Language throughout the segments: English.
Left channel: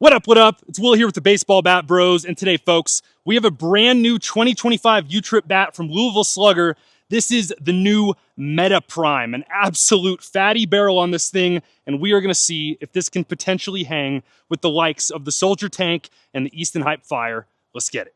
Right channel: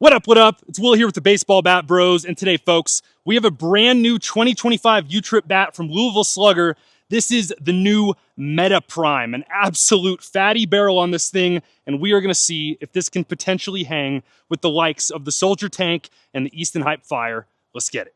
What up, what up? It's Will here with the Baseball Bat Bros, and today, folks, we have a brand new 2025 U-Trip bat from Louisville Slugger. This is the new Meta Prime, an absolute fatty barrel on this thing, and we are going to see if this can potentially hang with the likes of the Soldier Tank and the Easton Hype Fire. Let's get it.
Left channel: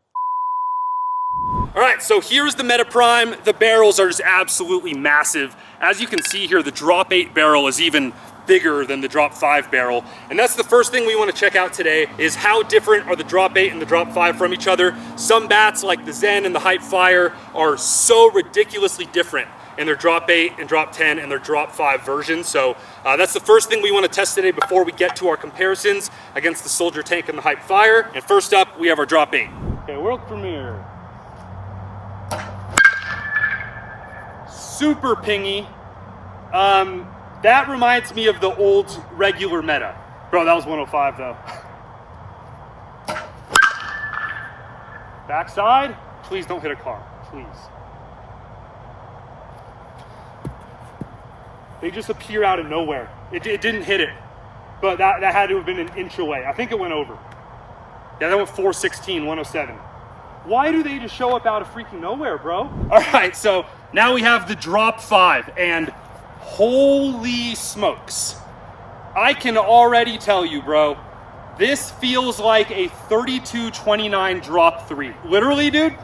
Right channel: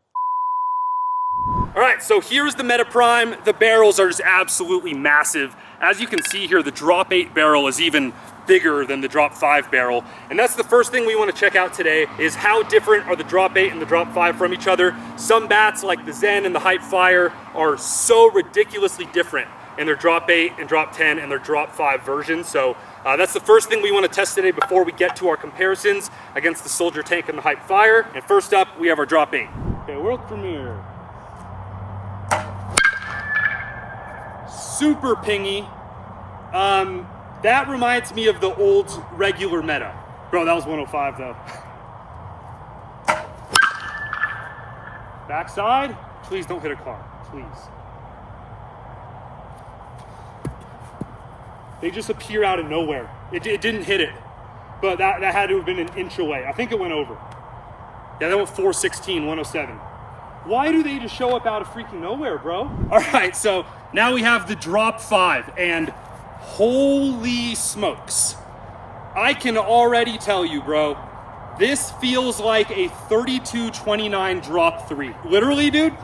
All right, so here's the Meta Prime. The barrels are just absolutely massive. As you can see here, the Drop 8 barrel is even bigger than the Drop 5 barrel. And that's the first thing we want to check out today, is how different are the Drop 8 and the Drop 5 from each other. Some bats like the Zen and the Hype Fire are so ridiculously different in their Drop 8 and Drop 10 and their Drop 5 versions. So that's the first thing we want to test today before we get to our comparisons against the Soldier Tank and the Hype Fire. And first up, we have our Drop 8. Okay, world premiere. Super pingy. That reminds me of the old regular Meta. Bro, that was 105 though. Backside. Please don't hit a car, please. They just appear out of nowhere. It didn't hit it, but that had to have been an inch away. I think it went over. Yeah, that went 416, 107. Why do they just show up out of freaking nowhere, bro? All right, so now we have the Drop 5, and holy smokes. I can already tell you, bro, this feels like a 32-29 Drop 3. Literally, dude,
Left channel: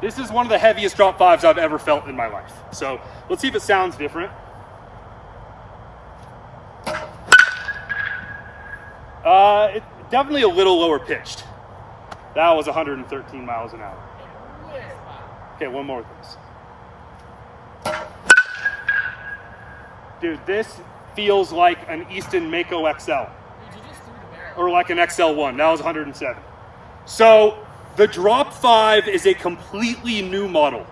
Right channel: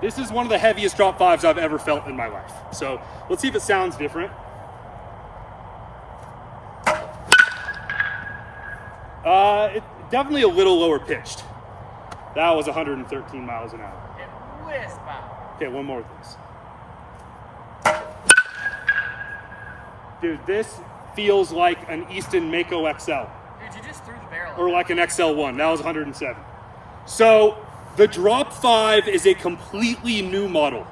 this is one of the heaviest Drop 5s I've ever felt in my life. So let's see if it sounds different. It's definitely a little lower pitched. That was 113 miles an hour. Okay, one more of this. Dude, this feels like an Easton Mako XL. Dude, you just threw the barrel. Or like an XL1. That was 107. So the Drop 5 is a completely new model.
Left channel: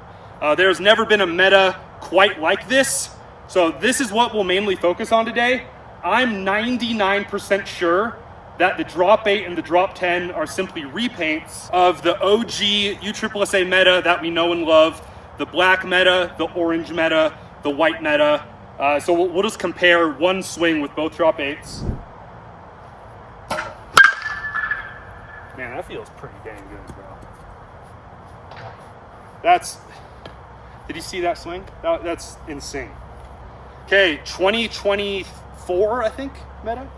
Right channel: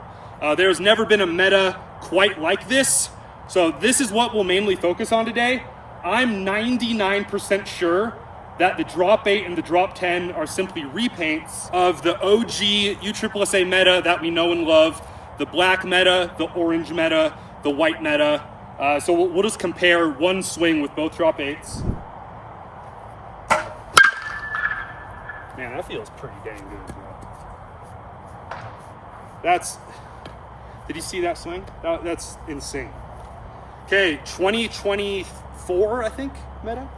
There's never been a Meta quite like this. So this is what we'll mainly focus on today. I'm 99% sure that the Drop 8 and the Drop 10 are simply repaints of the OG USSSA Meta that we know and love. The black Meta, the orange Meta, the white Meta. So we'll just compare one swing with both Drop 8s. Man, that feels pretty dang good, bro. Did you see that swing? That's insane. Okay, 2024, I think, Meta?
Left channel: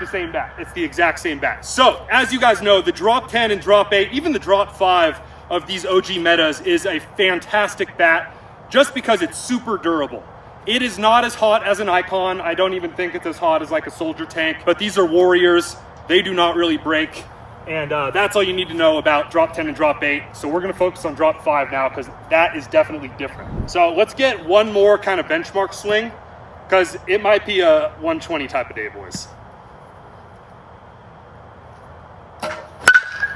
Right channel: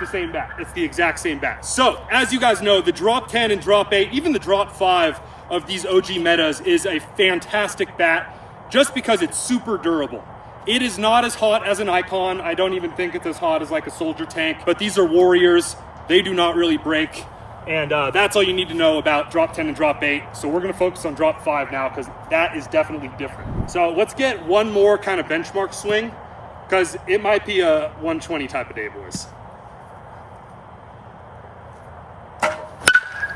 The same bat. It's the exact same bat. So, as you guys know, the Drop 10 and Drop 8, even the Drop 5 of these OG Metas is a fantastic bat just because it's super durable. It is not as hot as an Icon. I don't even think it's as hot as like a Soldier Tank, but these are Warriors. They do not really break. And that's all you need to know about Drop 10 and Drop 8. So we're gonna focus on Drop 5 now because that is definitely different. So let's get one more kind of benchmark swing because it might be a 120 type of day, boys.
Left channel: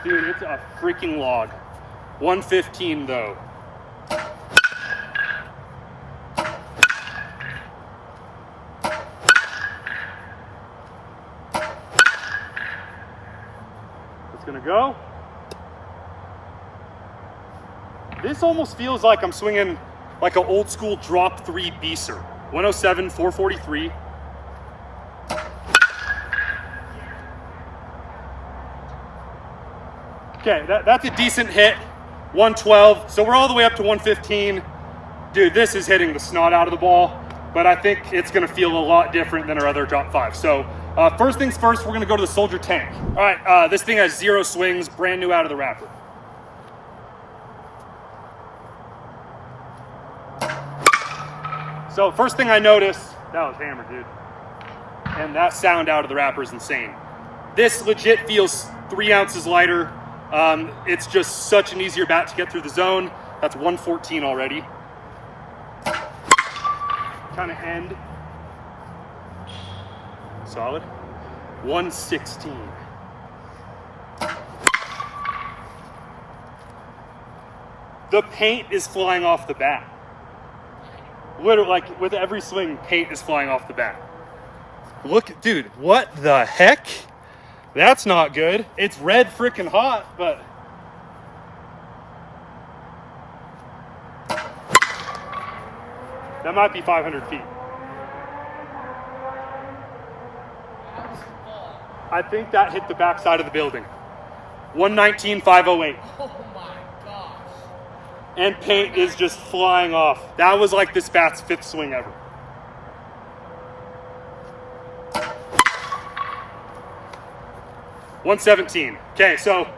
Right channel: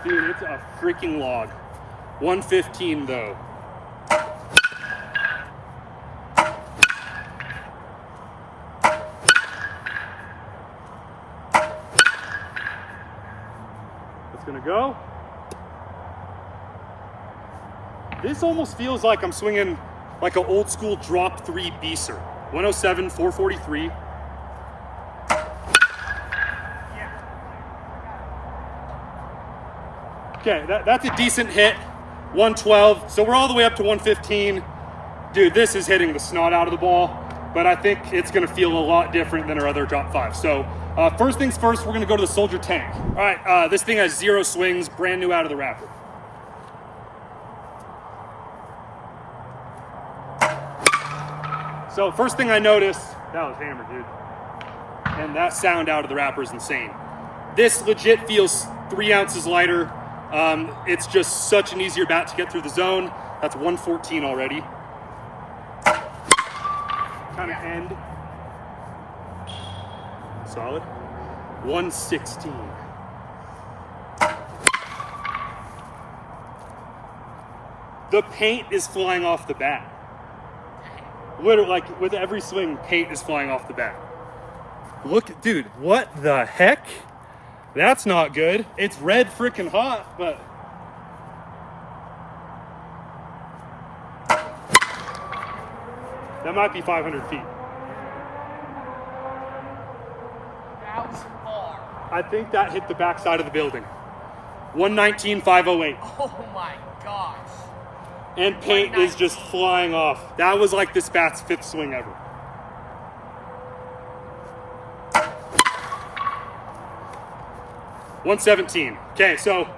Dude, it's a freaking log. 115 though. It's gonna go. This almost feels like I'm swinging like an old school Drop 3 Beaser. 107, 443. Okay, that's a decent hit, 112. So we're all the way up to 115. Dude, this is hitting the snot out of the ball, but I think it's gonna feel a lot different than our other Drop 5. So first things first, we're gonna go to the Soldier Tank. All right, this thing has 0 swings, brand new out of the wrapper. So first thing I noticed, that was hammered, dude. And that sound out of the wrapper is insane. This legit feels 3 ounces lighter. It's just such an easier bat to get through the zone. That's 114 already. Kind of end. Solid. 116. The paint is flying off the bat. Literally, like with every swing, paint is flying off the bat. Look, dude, what the heck? That's not good. It's red freaking hot, but that might be 500 feet. How far? I think that hit the backside of the building. 119.508. Oh my gosh. And paint is just flying off. That was like this bat's 5th swing ever. $117. Okay, so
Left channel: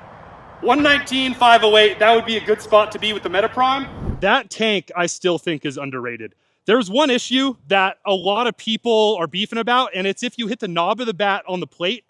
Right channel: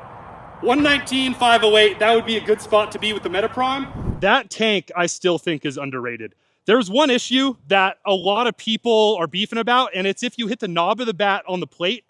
119.508, that would be a good spot to be with the Meta Prime. That tank, I still think, is underrated. There's one issue that a lot of people are beefing about, and it's if you hit the knob of the bat on the plate,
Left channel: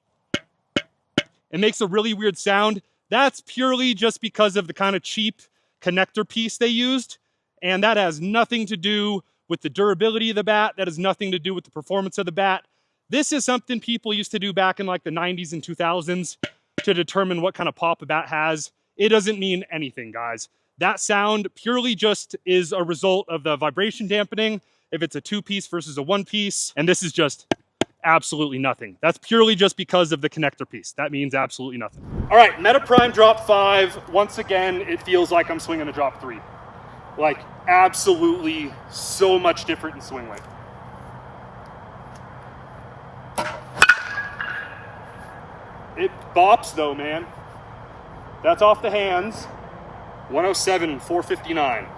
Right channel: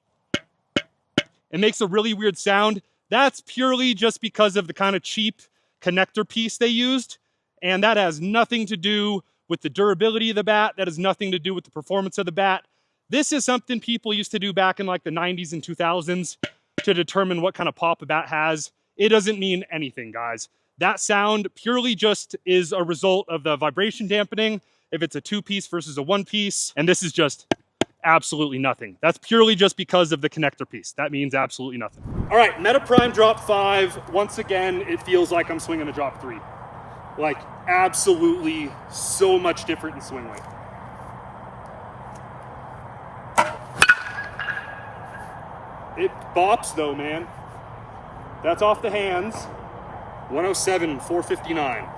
it makes a really weird sound. That's purely just because of the kind of cheap connector piece they used, and that has nothing to do with the durability of the bat. That has nothing to do with the performance of the bat. This is something people used to do back in like the 90s and 2000s to determine what kind of pop a bat has. It doesn't mean anything, guys. That sound purely just is a result of the vibration dampening, if it's a 2-piece versus a 1-piece, and this is just absolutely nothing. That's purely just because of the connector piece. That means absolutely nothing. All right, Meta Prime drop 5. Once again, it feels like I'm swinging a drop 3. Like, absolutely so much different in swing weight. It bops though, man. That's off the hands. 107, 459.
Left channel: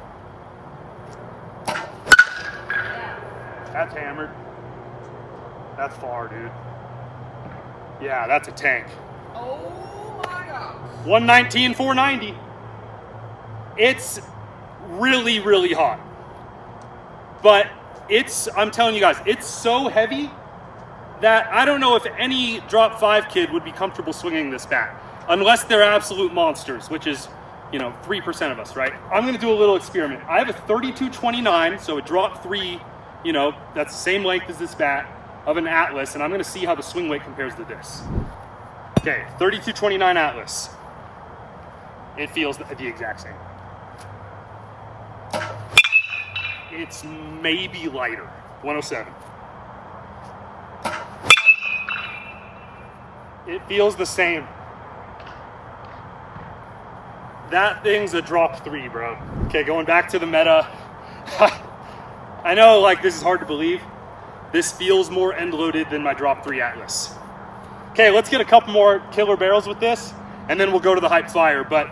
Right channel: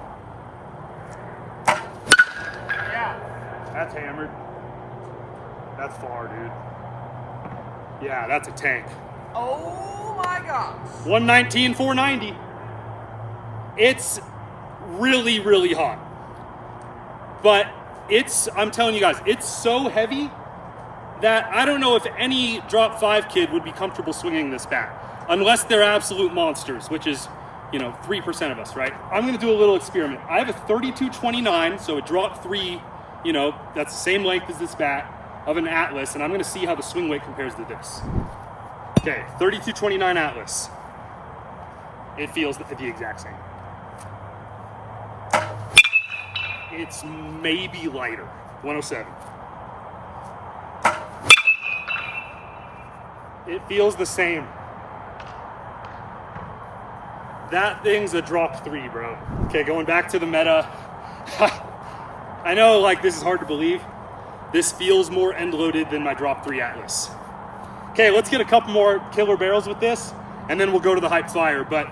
Yeah. That's hammered. That's far, dude. Yeah, that's a tank. Oh my gosh. 119, 490. It's really, really hot. But I'm telling you guys, it's so heavy that I don't know if any drop 5 kid would be comfortable swinging this bat, unless they're absolute monsters, which is, 3% of us, right? I'm gonna do a little experiment. I have a 3229, so a drop 3, that's the same length as this bat, of an Atlas, and I'm gonna see how the swing weight compares to this. Okay, 3229 Atlas. It feels the exact same. It's maybe lighter, 107. It feels the same. That thing's a drop 3, bro. Okay, going back to the Meta. I know, this is hard to believe. This feels more end-loaded than my drop 3 Atlas. Okay, let's get a couple more killer barrels with this, and then we'll go to the Hype Flyer. But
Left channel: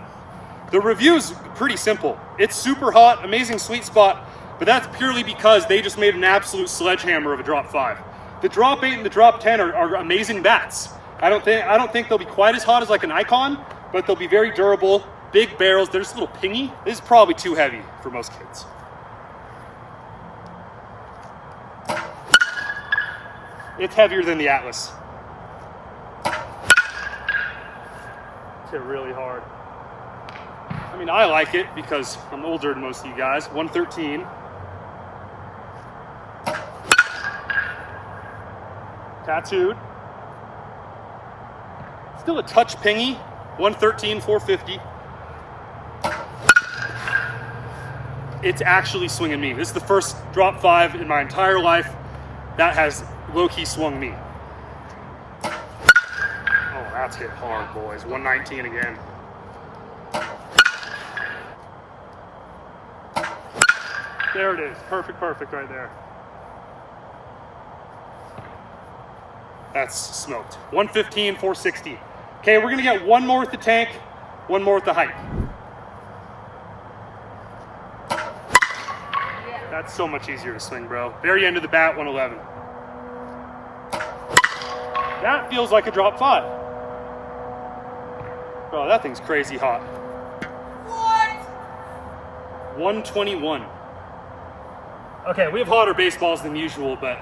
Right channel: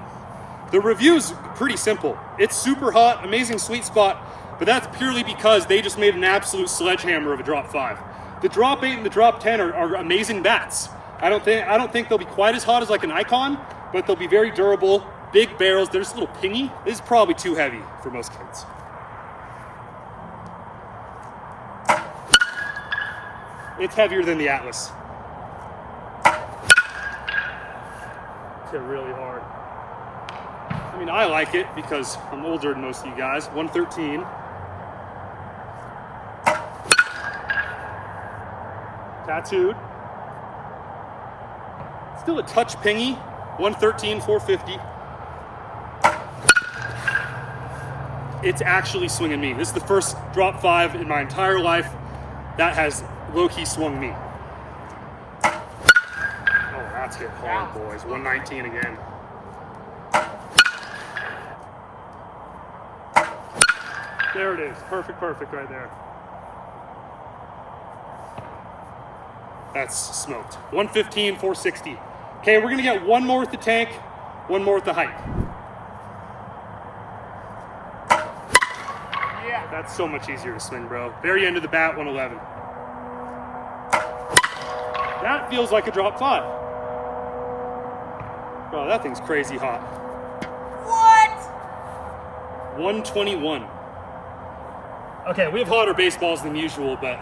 the review's pretty simple. It's super hot, amazing sweet spot, but that's purely because they just made an absolute sledgehammer of a drop 5. The drop 8 and the drop 10 are amazing bats. I don't think they'll be quite as hot as like an Icon, but they'll be very durable, big barrels. They're just a little pingy. This is probably too heavy for most kids. It's heavier than the Atlas. It's hit really hard. I mean, I like it because I'm older than most of you guys. 113. Tattooed. Still a touch pingy. 113, 450. It's actually swinging me. This is the first drop 5 in my entire life that has low-key swung me. Oh, that's hit hard, boys. 119 again. There it is. Perfect right there. That's smoked. 115, 460. Okay, we're gonna get one more with the tank, one more with the Hype. Yeah. That's so much easier to swing, bro. Very end of the bat, 111. That feels like a drop 5. Oh, that thing's crazy hot. What? 121. Okay, we have hotter baseballs than usual, but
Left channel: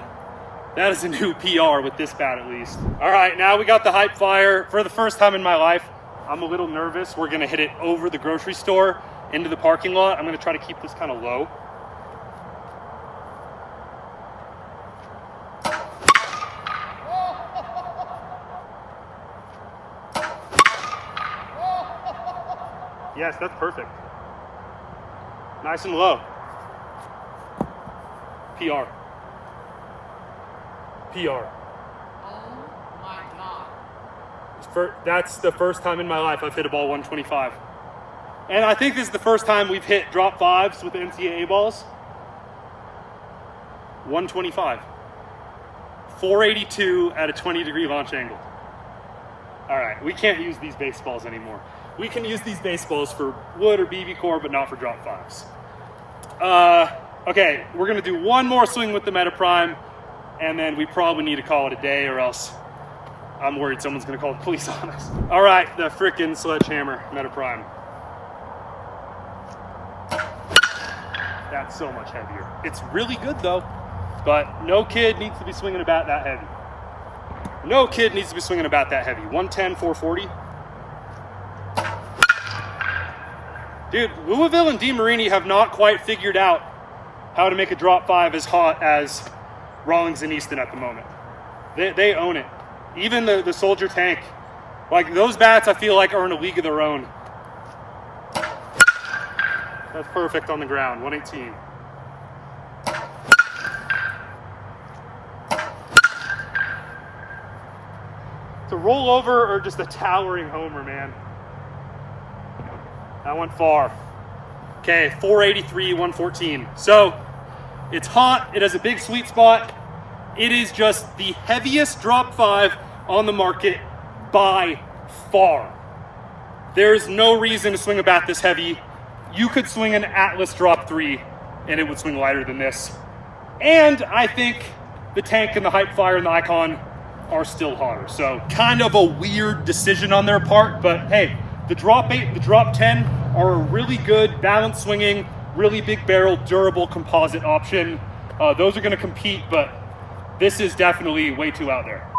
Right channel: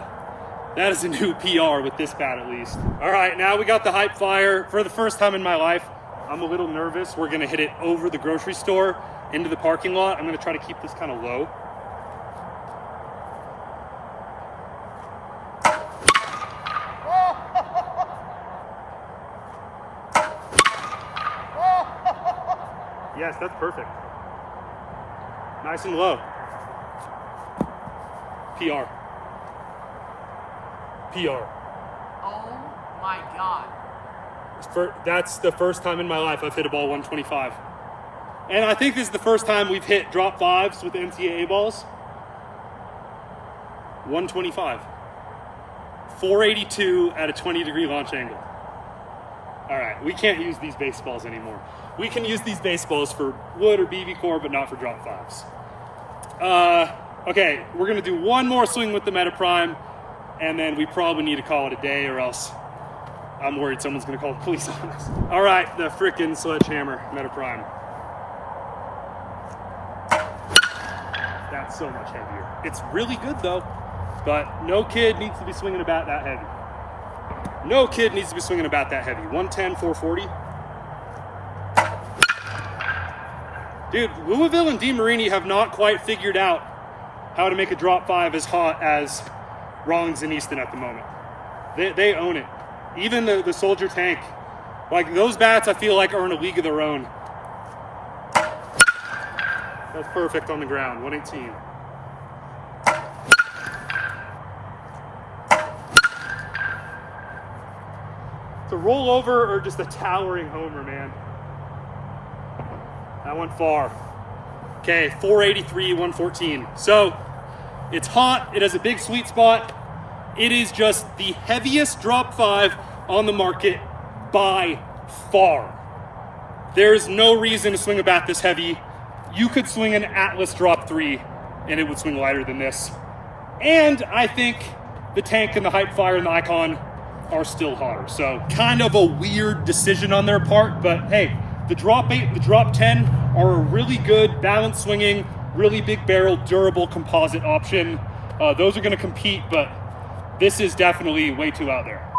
that is a new PR with this bat at least. All right, now we got the Hype Flyer. For the first time in my life, I'm a little nervous. We're gonna hit it over the grocery store into the parking lot. I'm gonna try to keep this kind of low. Yes, that's perfect. Nice and low. PR. PR. Oh my god. That's the first time in my life I've hit a ball 125. And I think this is the first time we've hit drop 5s with the NCAA balls. 125. 482 at a 20-degree launch angle. All right, we can't use these baseballs anymore. We can use these baseballs for wood or BB core, but not for drop fives. Okay, we're gonna do one more swing with the Meta Prime, and then we probably need to call it a day, or else I'm worried someone's gonna call the police on us. All right, the frickin' sledgehammer Meta Prime. That's so much heavier. It's really good though, but no kid needs to be swinging a bat that heavy. No kid needs to be swinging a bat that heavy. 110, 440. Dude, Louisville and DeMarini have not quite figured out how to make a drop five as hot as Rawlings and Easton at the moment. They own it. Even the Soldier Tank. Like, those bats I feel like are in a league of their own. That's perfect on the ground, 118. It's a rollover or just a towering homer, man. That went far. Okay, 483, 114. So, it's hot, it has a big sweet spot. It is just the heaviest drop five on the market by far. There's no reason to swing a bat this heavy. You could swing an Atlas drop 3 and it would swing lighter than this. And I think the Tank and the Hype Flyer and the Icon are still hotter. So kind of a weird decision on their part, but hey, the drop 8 and the drop 10 are a really good balance swinging, really big barrel, durable composite option. Those are gonna compete, but this is definitely way too out there.